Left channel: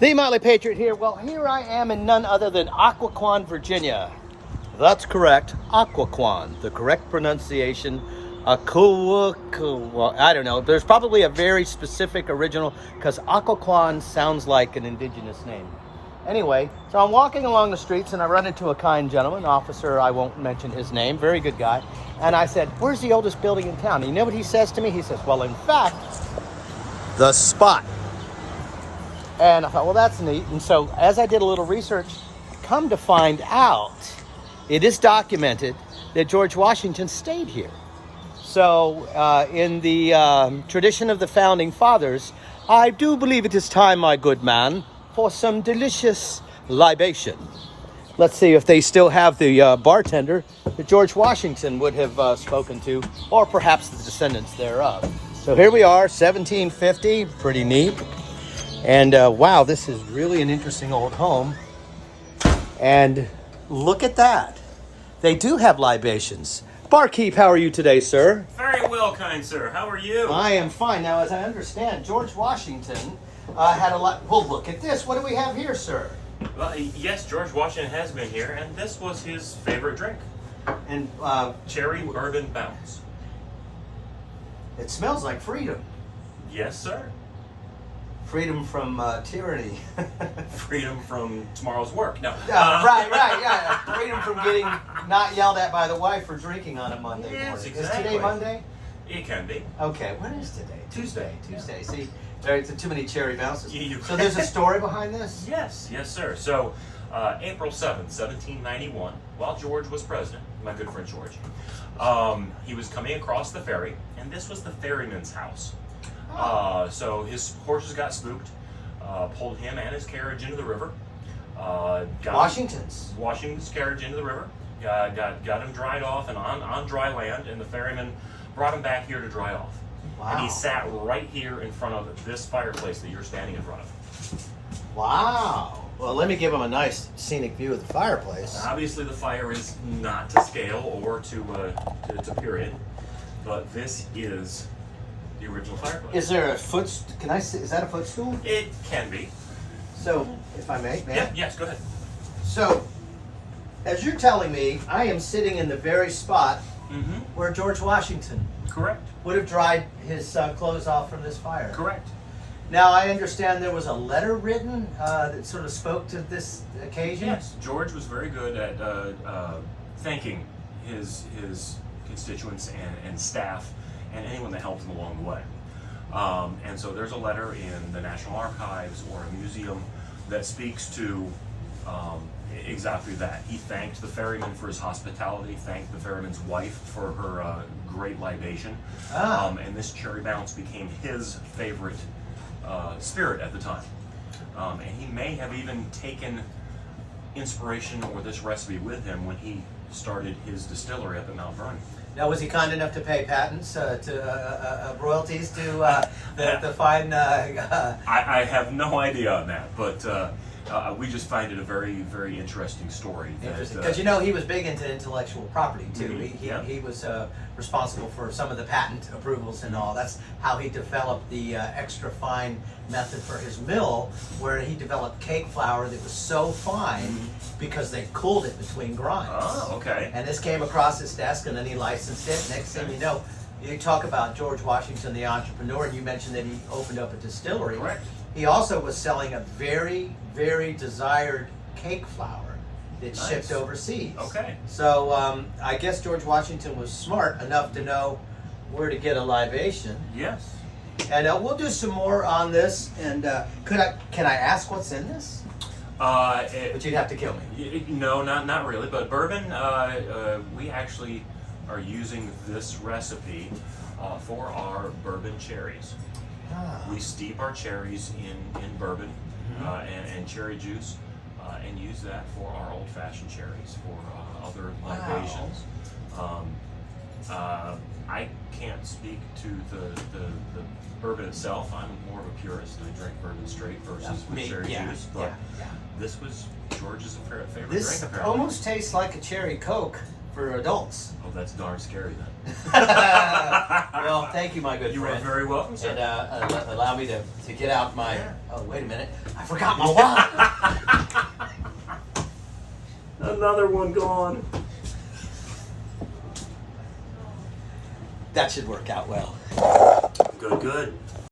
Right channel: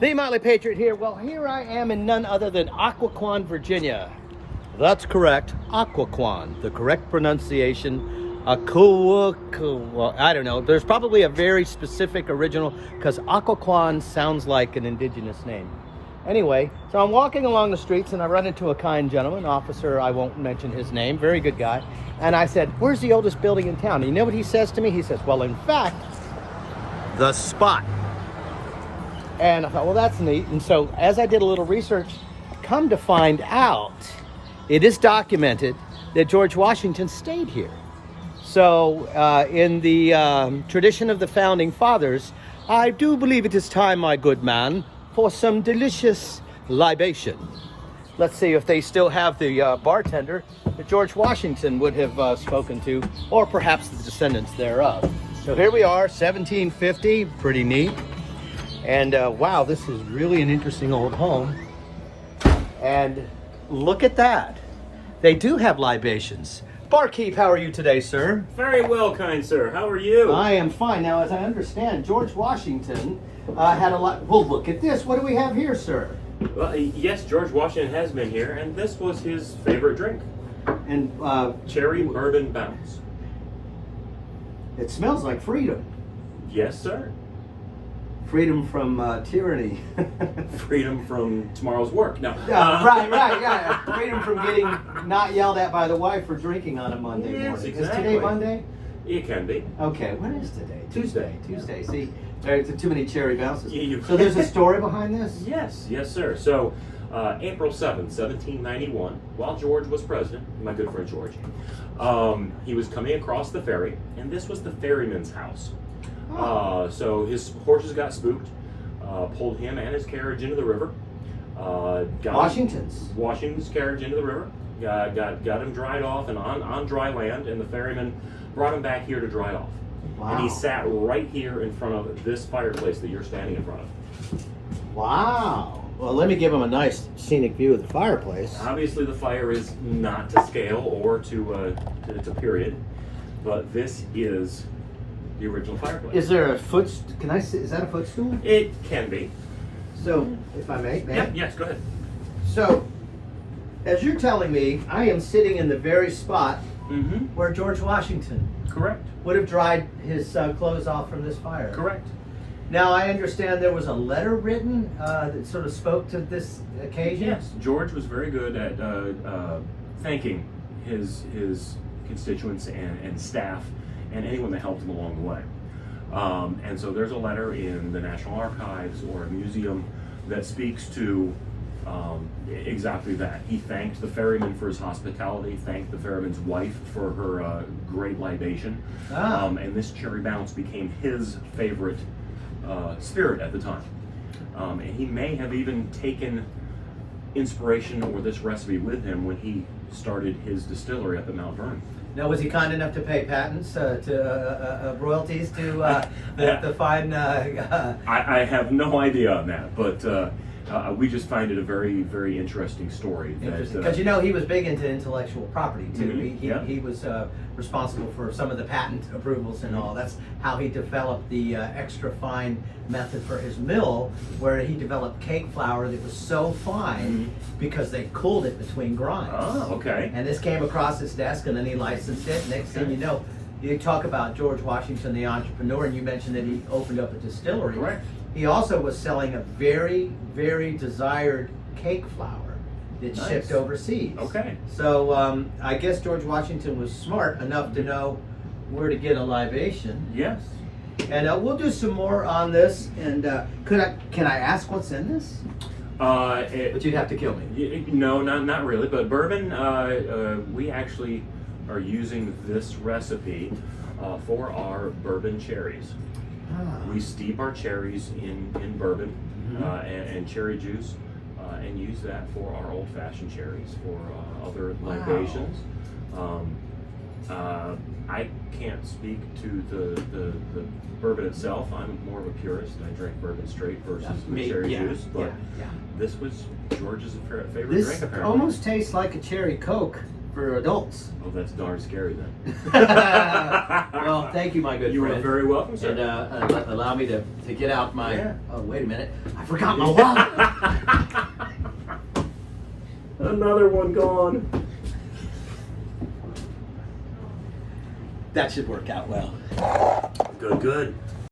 The Motley Patriot here. Well, here I am in none other than Occoquan, Virginia. That's correct, Occoquan. The correct pronunciation, well, I don't know. There's probably a very specific original because Occoquan sounds like an indigenous name. Anyway, so I'm walking along the streets and I run into a kind gentleman, officer, I won't mention his name, very good guy. And I said, "Where's the oldest building in town?" And you know what he says to me? He says, "Well, in fact, the spot." And I thought, well, that's neat. And so as I did a little research, come to find out, it is documented that George Washington stayed here. So in the tradition of the Founding Fathers, I do believe it is time, my good man, for some delicious libation. Let's see if they still have the bartender that George Washington would have spoken to, or perhaps the descendants thereof. So here we are, 1750, pretty neat. And wow, this is really an interesting old home. And look at that. They do have libations. Barkeep, how are you today, sir? Very well, kind sir. How are you? I am fine. Now, as I understand, George Washington had a lot. Well, look at this. What do we have here, sir? Well, yes, George Washington has been here, and this was his favorite drink. And Cherry bourbon bounce. it smells like freedom. Yes, sir. Freedom from tyranny. Freedom from tomorrow's work. No. Right, yeah. Freedom from getting not yelled at by the wife for drinking on a Monday Yes, morning. exactly. Is today Monday? It can be. Okay, when is today? Tuesday. Tuesday. See, there's too many cherry bounces. You- So there's a story behind this? Yes, sir. So, April 7th, 1791, while George was president, my good friend George, he was coming across the ferry, and this was the ferryman's house. So his horses got spooked, pulled him and his carriage into the river. Washington's carriage into the river. Got him dried off and on dry land, and the ferryman brought him back here to dry off. Wow. And he sat right here in front of this fireplace that you're standing in front of. Wow. Well, let me give him a nice scenic view of the fireplace. Obviously, the fire is not to scale or to period, but this is the original fireplace. Is there a can I see, is that a footstool? It can be. So, if I may, Yeah, yes, go ahead. So, as you're telling me, I am sitting in the very spot Mm-hmm. where George Washington Correct. would have dried his clothes off from this fire. Correct. Now, I understand there was a letter written that sort of spoke to this occasion. Yes, George was very good at thanking his constituents and staff and anyone that helped him along the way. And so there's a letter in the National Archives or a museum that speaks to exactly that. He thanked the ferryman for his hospitality, thanked the ferryman's wife for her great libation, and this cherry bounce became his favorite spirit at the time. And he may have even taken inspiration or this recipe with him when he started his distillery up at Mount Vernon. Now, was he kind enough to pay patents royalties to the fine? I have no idea on that, but we just find it a very, very interesting story. Because he was big into intellectual property too. Mm-hmm. He was responsible for some of the patent approvals and all. That's how he developed the extra fine method for his mill, where he developed cake flour that was so fine because they cooled it between grinds. Oh, okay. And this came across his desk, and then he licensed it. Next thing you know, you talk about George Washington, the entrepreneur, and you mentioned that he opened up a distillery. Correct. He also was selling a very, very desired cake flour that shipped overseas. Okay. So I guess George Washington was smart enough to know where to get a libation. Yes. And we'll do some more on this. And can I ask what's in this? But you'd have to kill me. No, not really. But bourbon, we actually are using this recipe for our bourbon cherries. We steep our cherries in bourbon and cherry juice and use that for our old-fashioned cherries for other libations. I can't speak to the bourbon itself. I'm more of a purist. I drink bourbon straight versus with cherry juice. But this was George's favorite drink, This apparently. almost tastes like a cherry Coke for adults. Oh, that's darn scary then. Well, thank you, my good You are friend. very welcome, sir. And allow me to get out my. Yeah. Oh, wait a minute! I forgot my wallet. Another one gone. That should work out well. Good, good.